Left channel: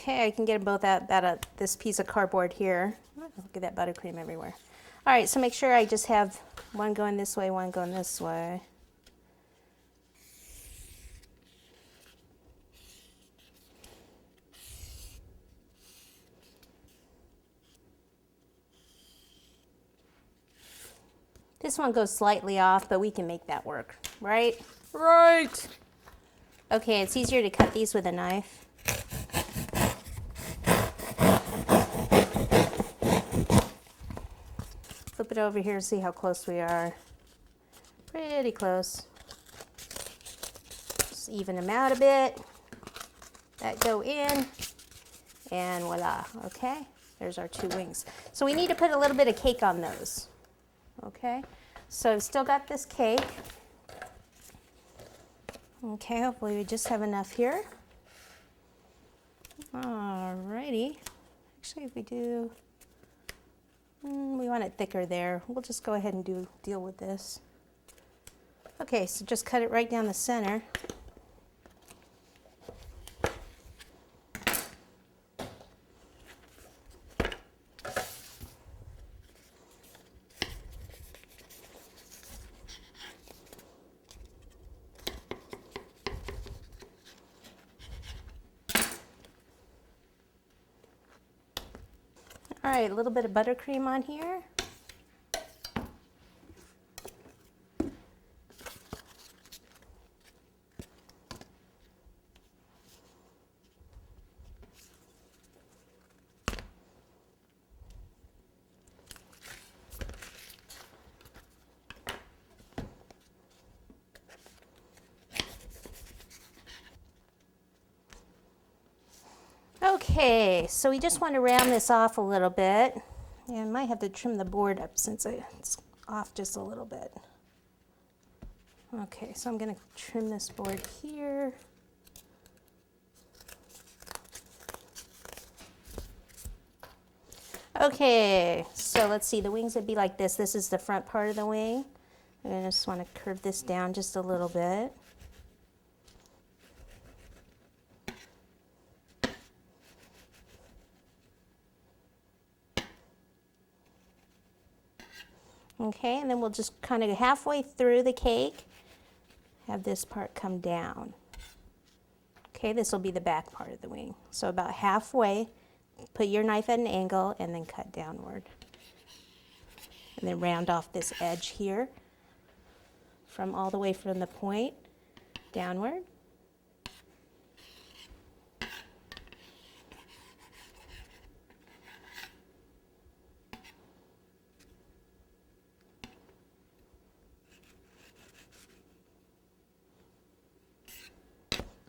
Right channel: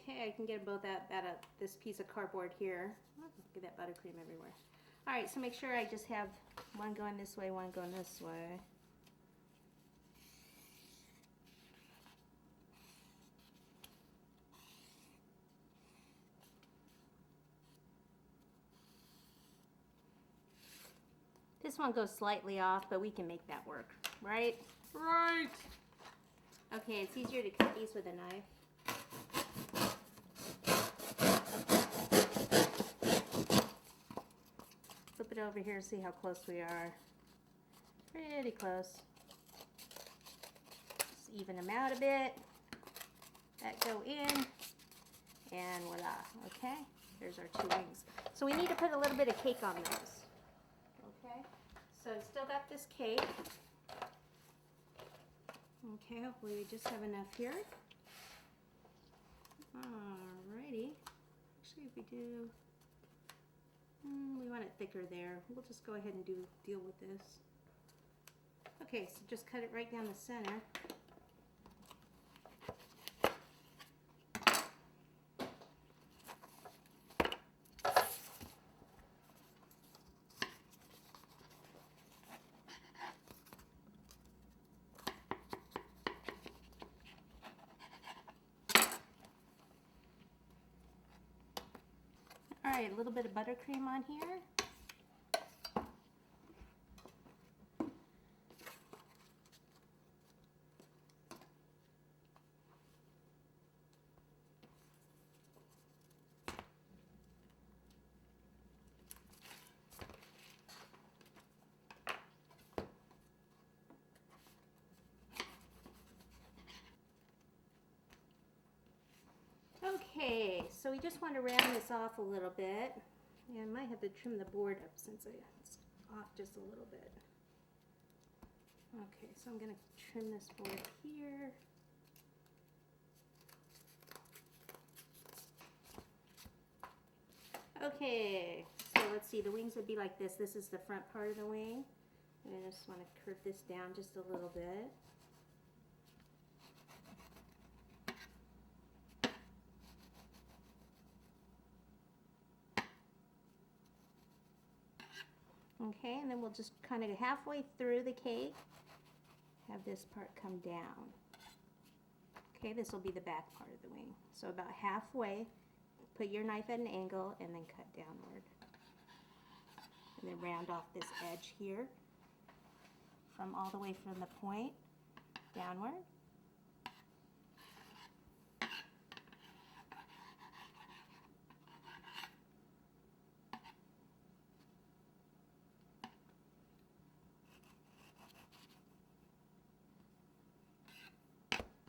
Okay, I can get them both out this piece of cardboard here. Look at that buttercream everywhere. All right, so make sure I just have one going this way, one going this way. This one goes slightly off, but we can make that work, right? Right. Okay, it's easier to cut these with a knife. Flip it over here and see how close we are. Pretty close. Just even them out a bit. That go in, and voila, okay? There's our two wings. So we need to put a little bit of cake on those. Okay, so I've still got this cake. Okay, hopefully we just have enough here. Alrighty. Actually, if we do, we want it thicker there. We'll just go ahead and deal with this. Okay, so just cut it right down the center. All right, a little bit of buttercream on here. Okay, so we just want to round this off a little bit. And I might have to trim the board up since it's off just a little bit. Okay, so I'm going to trim this board here. Okay, so let's see, the wings would be like this. This is the front part of the wing. And I just want to curve this down just a little bit. Okay, and then we'll just kind of halfway through the cake, have this part come down. Okay, this will be the back part of the wing. So about halfway, put your knife at an angle and then cut downward. And then round off this edge here from all the way from the point downward.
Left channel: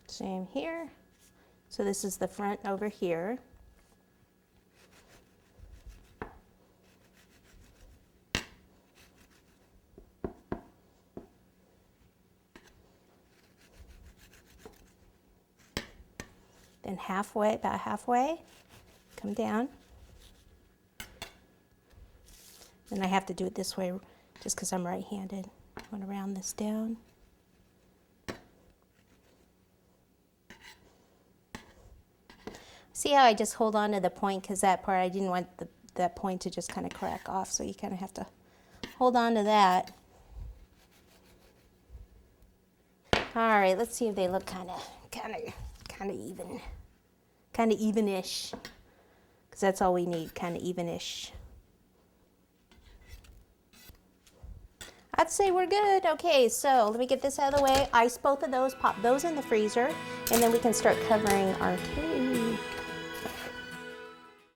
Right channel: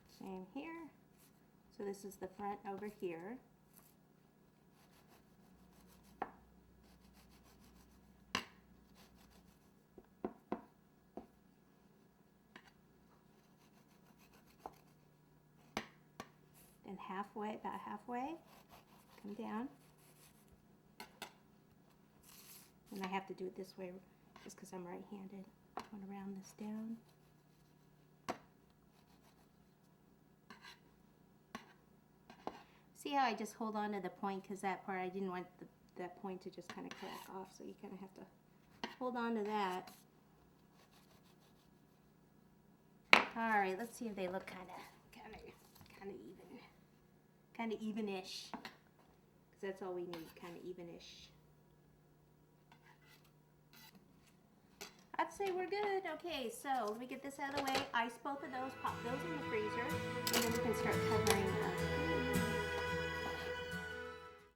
Same here. So this is the front over here. Then halfway, about halfway, come down. And I have to do it this way just because I'm right-handed. I want to round this down. See how I just hold on to the point because that part I didn't want that point to just kind of crack off, so you kind of have to hold on to that. All right, let's see if they look kind of evenish, because that's all we need, kind of evenish. I'd say we're good. Okay, so let me get this out of the way. Ice both of those, pop those in the freezer, and then we can start covering our cake.